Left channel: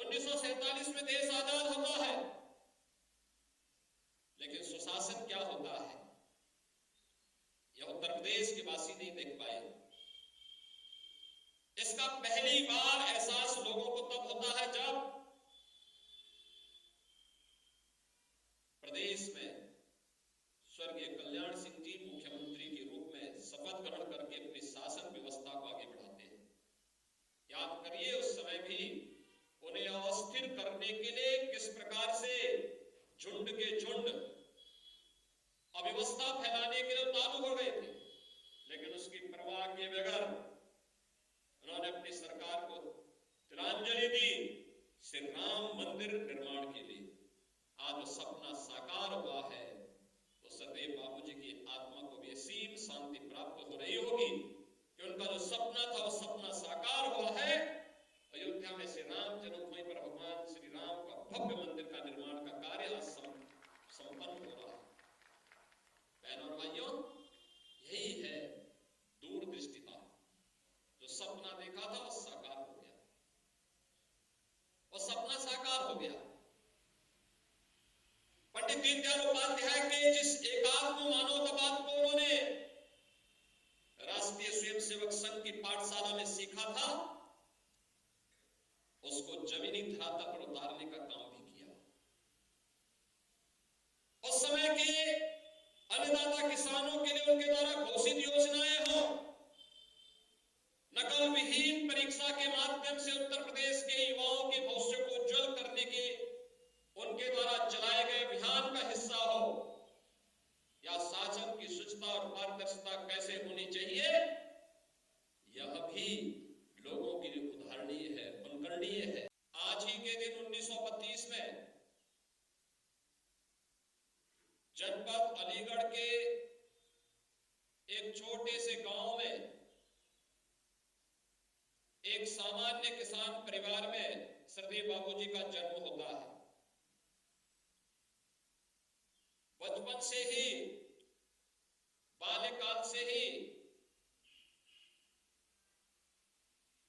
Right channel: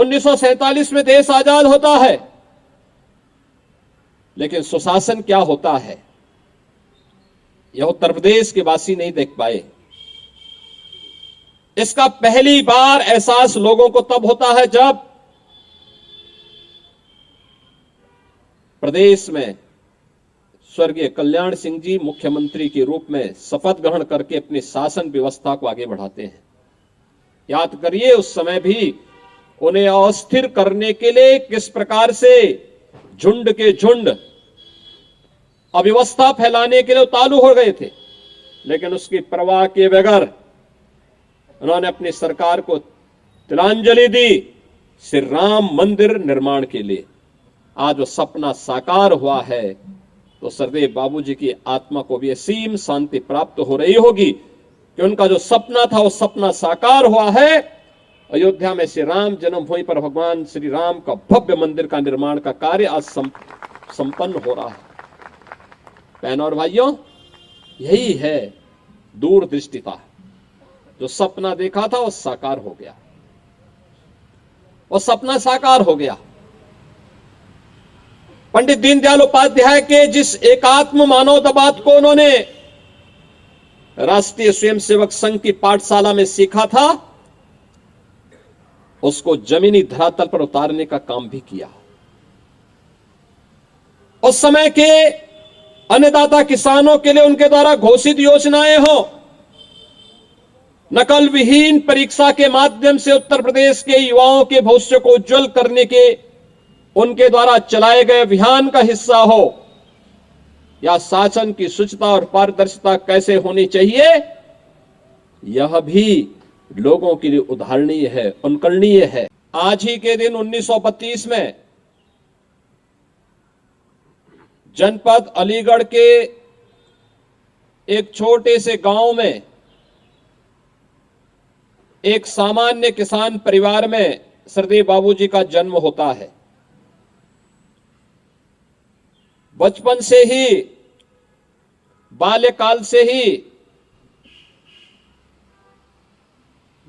1947 में देश आजाद होता है, लेकिन सुशासन क्या होता है यह उत्तर प्रदेश के वासी नहीं देख पाए। इसका पहली बार एहसास लोगों को तब होता है जब प्रदेश में स्वर्गीय कल्याण सिंह जी मुख्यमंत्री के रूप में शपथ ग्रहण करके अपनी शासन व्यवस्था को आगे बढ़ाते हैं। याद करिए, उस समय भी उन्हें अस्थिर करने के लिए किस प्रकार से झुंड के झुंड अव्यवस्था फैलाने के लिए उतारू हो गए थे, लेकिन उसकी परवाह किए बगैर उन्होंने अपनी सरकार को तिलांजलि दी श्री राम मंदिर निर्माण के लिए। आज वो सपना साकार हुआ है तो सरदेव बाबूजी की आत्मा को भी असीम शांति प्राप्त हो रही होगी कि उनका जो सपना था वो सपना साकार हुआ है। अयोध्या में श्री राम जन्मभूमि पर भगवान श्री राम का भव्य मंदिर का निर्माण का कार्य आज संपन्न हो रहा है। बहनों और भाइयों, यही है दूरदृष्टिता। जो सपना देखा था वो साकार हो गया, वो सपना साकार हो गया। पंडित दीनदयाल उपाध्याय के जिस एकात्म मानवतावाद को उन्होंने राष्ट्रीय स्वयंसेवक संघ की पाठशाला में सीखा था, उसको जमीनी धरातल पर उतारने का काम भी किया। उस समय के अन्नदाता किसानों के लिए उनके द्वारा घोषित योजनाएं हो, नकल विहीन परीक्षा के माध्यम से उत्तर प्रदेश के युवाओं के भविष्य को उज्जवल करने के उनके द्वारा चलाए गए अभियान का हिस्सा हो, या शासन की शुचिता और पारदर्शिता कैसे होनी चाहिए, यह भी लोगों के लिए उदाहरणीय है, अनुकरणीय है। आज ही के दिन 1932 में जनपद अलीगढ़ के एक छोटे से गांव में एक सामान्य किसान परिवार में सरदेव बाबूजी का जन्म होता है। बचपन से ही, बाल्यकाल से ही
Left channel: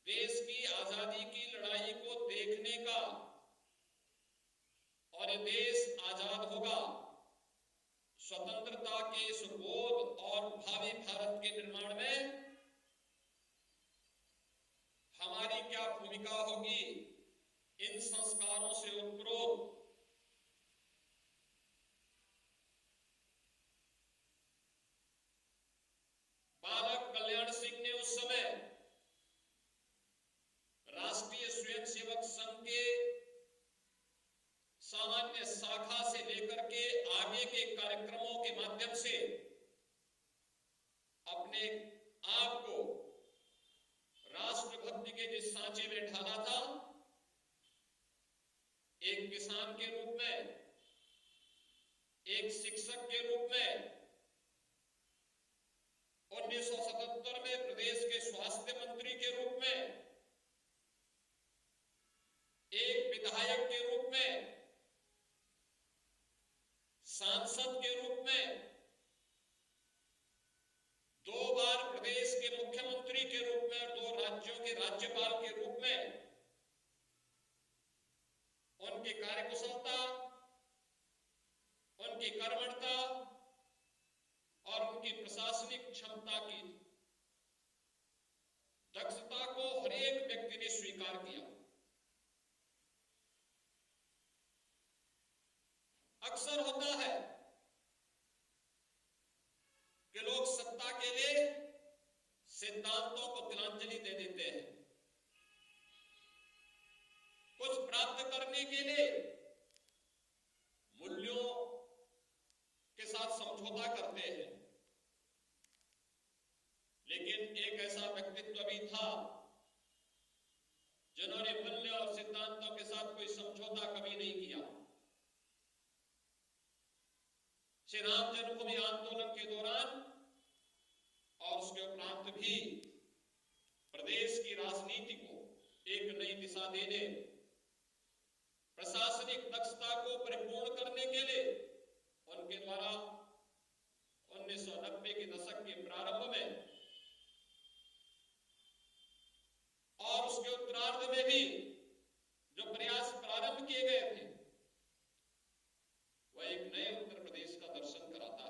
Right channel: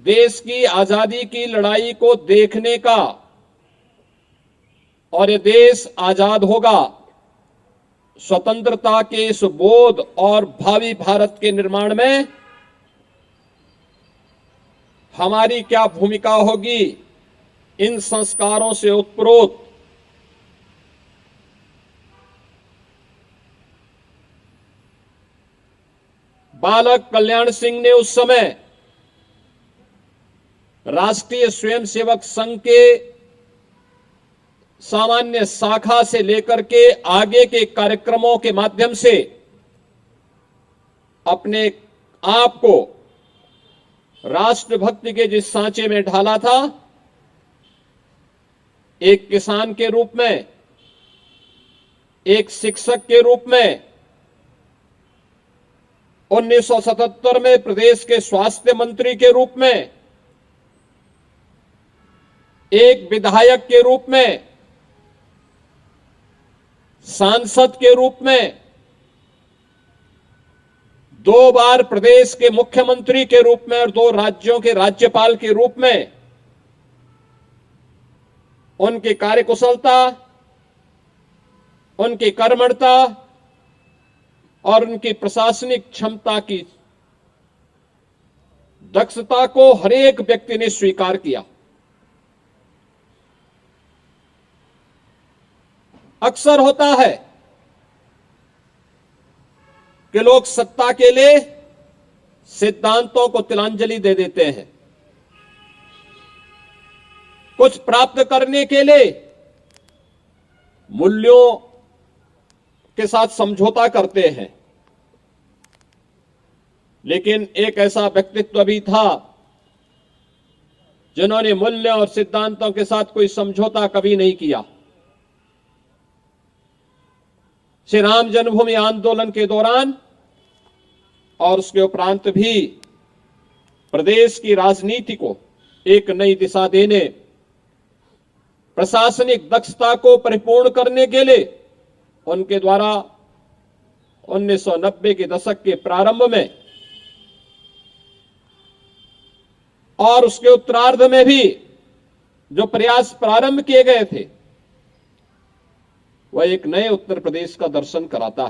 देश की आजादी की लड़ाई को देखने का और ये देश आजाद होगा, स्वतंत्रता के इस बोध और भावी भारत के निर्माण में हमारी क्या भूमिका होगी, इन संस्कारों से उत्प्रोत बालक कल्याण सिंह ने उस समय राष्ट्रीय स्वयंसेवक संघ के सामान्य शाखा से लेकर के आगे के कार्यक्रमों के माध्यम से अपने आप को राष्ट्रभक्ति के जिस सांचे में ढाला था, एक किसान के रूप में, एक शिक्षक के रूप में, 1977 में प्रदेश के स्वास्थ्य मंत्री के रूप में, एक विधायक के रूप में, सांसद के रूप में, 2 बार प्रदेश के मुख्यमंत्री के रूप में और 2 राज्यों के राज्यपाल के रूप में उनकी कार्यकुशलता, उनकी कर्मठता और उनकी प्रशासनिक क्षमता की दक्षता को हर एक व्यक्ति ने स्वीकार किया। अक्सर होता है कि लोग सत्ता के लिए सिद्धांतों को तिलांजलि दे देते हैं, कुछ प्राप्त करने के लिए मूल्यों के साथ समझौता करते हैं। लेकिन एक ऐसा व्यक्तित्व भी था जिन्होंने मूल्य और सिद्धांतों के साथ कोई समझौता कभी नहीं किया। श्री राम जन्मभूमि आंदोलन के दौरान और उसके उपरांत भी प्रदेश की राजनीति को एक नई दिशा देने, प्रशासनिक दक्षता को परिपूर्ण करने के लिए उनके द्वारा 1990 के दशक के प्रारंभ में और उसके उत्तरार्ध में भी जो प्रयास प्रारंभ किए गए थे वह एक नए उत्तर प्रदेश का दर्शन कराता है।